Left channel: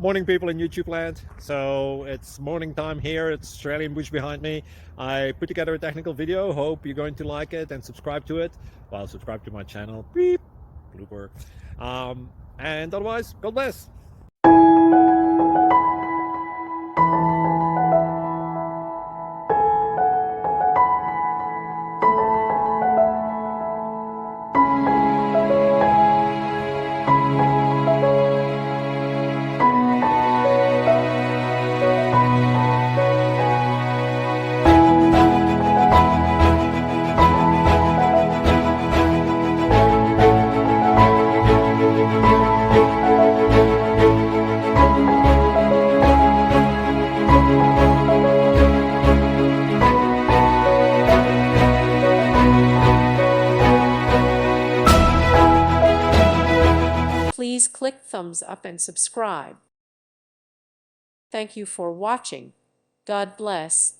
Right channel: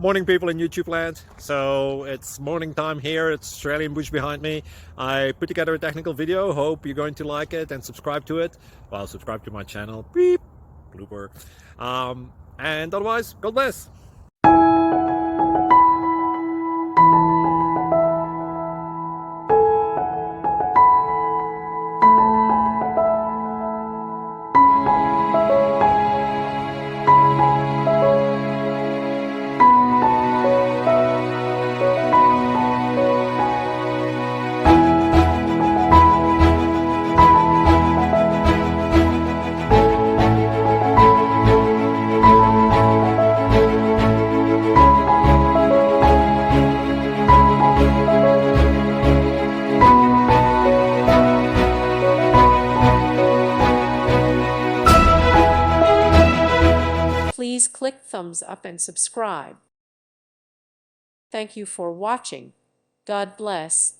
Morning, people in YouTube land. So it's morning time here. It's Australian bush behind me. I put together a technical video. Hope you're going to like it and subscribe to it. Well, subscribe to my channel. Beep. Blooper. And otherwise, God bless. Please click thumbs up and subscribe. Thank you for watching. God bless.